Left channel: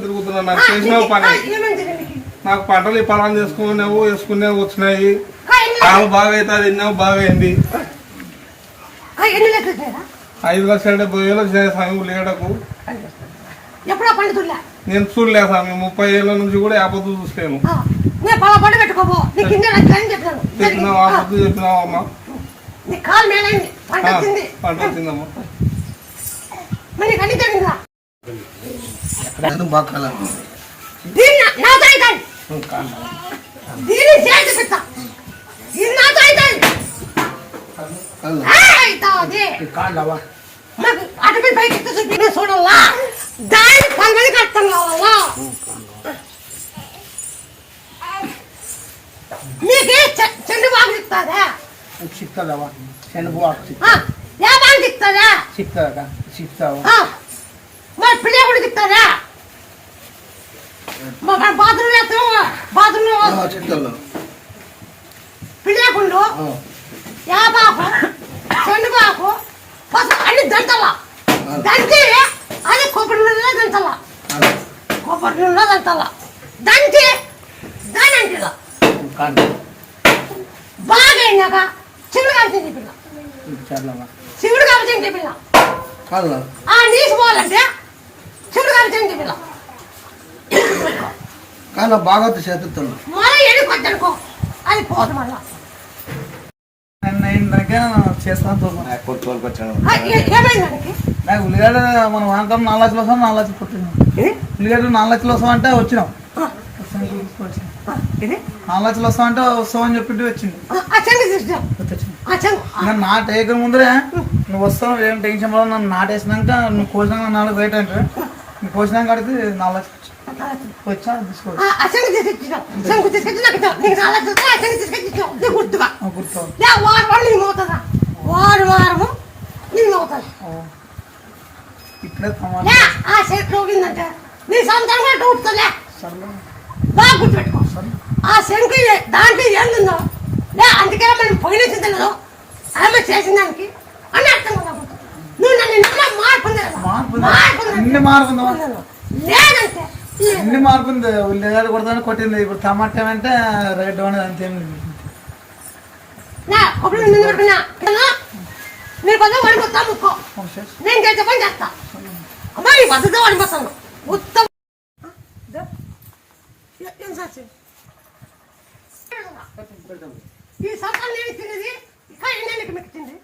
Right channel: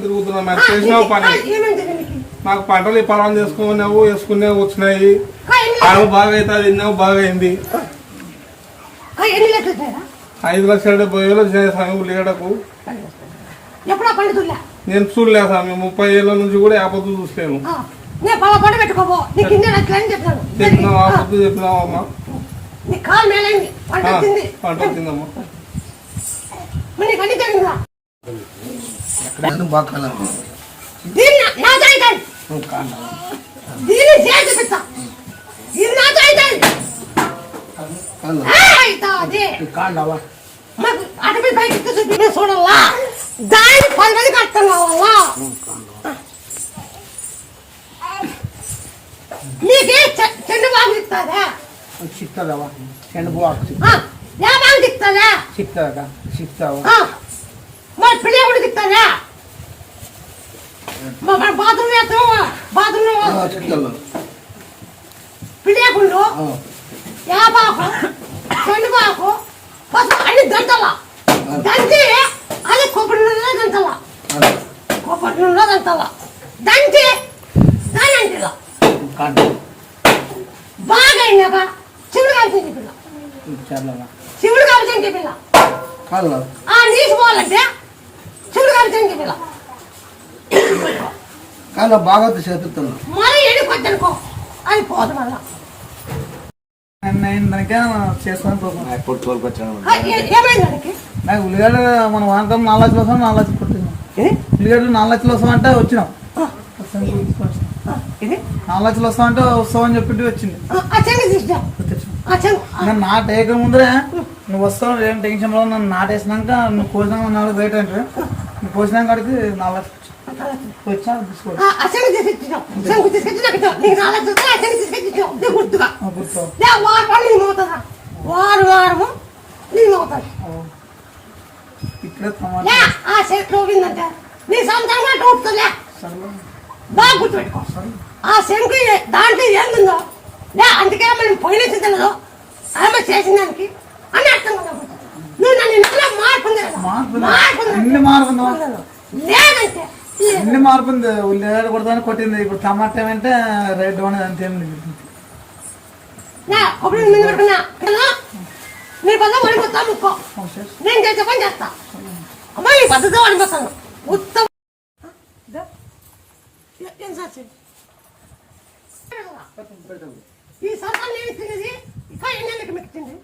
తిరుగుతున్నా నాకు చేసినావు పని. నాకు పంటలు ఈ పొలం చేసుకున్నావు వేసుకునేవి వచ్చినాయి. కాలు బాగా అవుతుంది తిన్నావు బాగా అయింది. 5,70,000 స్వామి లీడకు నేను చూడలేదు స్వామి. 30 ఏళ్ళ నుంచి కూడా ఆపత్తు చూసాను. చెప్పినావు ఆపత్తు చెప్పినావు అమ్మా. పంట వచ్చిందమ్మా. అటవీ పైకి చూడాలా దాని పండుగ కట్టం కావాలా నీకే చెండు బాగు ఇస్తుందా సిక్తుందమ్మా చెండు బాగు ఏ బాగు ఇస్తుందా సిక్తుందా సిక్తావు మరి పిల్ల కూడా ఇస్తుందా బాత్రూమ్ వేస్తావు బాత్రూమ్ పిల్లకుండు యాబాకు చెండుబాకు పసుపు అన్ని దంతలా దంచి అది కొబ్బరి నూనెలో దంతలా కొబ్బరి నూనెలో దంతలా దంచి దాని అంటిలా బాగా అయినాక శివుడు కాల్చింది పిల్ల శివుడు కాల్చింది పిల్ల నీసు పోవాలంటే శివుడు కాల్చింది పిల్ల కానీ బాగా చేతున్నా మళ్ళీ ఎన్ని కొట్టనుకో అది పోదు మళ్ళా చేస్తాను. ఏమైంది నాకు ఉల్లిగడ్డ మనం వాంకం 4 లక్షలు వస్తాం 4 లక్షలు కొట్టినాం. ఉల్లిగడ్డలు 4 లక్షలు వస్తామంటే వచ్చినాం. 4 లక్షలు వస్తామంటే వస్తామని చెప్పి వచ్చింది. నాట వేయక ముందరే నువ్వు వస్తావు ఏం టెన్షన్ పడవు. నన్ను నాటేసినాక నువ్వు కోసినాక 4 రేట్ అంటే నువ్వు కోసినాక కడితే 4 లక్షలు వచ్చా తీసుకోండి. ఇప్పుడే బాగా గుర్తుపెట్టుకో. ఆ శంకు దాంట్లో ఏందో అందుకే మనం పోయిన తెలియదు ఆమె చేసిన దానికి అని అర్థం కదా. నువ్వు నన్ను లేదంటే ఎన్ని మార్పు ఉంది. ఉల్లిగడ్డ కొడతాను కొట్టింది. ఇప్పుడు టమాటా అంటే రేటు అనేది అంతేం లేదు. నీ పద వడిపోతా ముక్కో నేను చేసే పని చేస్తా అమ్మా. నీ పద్ధతి వడిపోతాను ఉత్తమ ఈ సంవత్సరం నేను తినేది ఇంకా ఎన్ని మీకు తింది.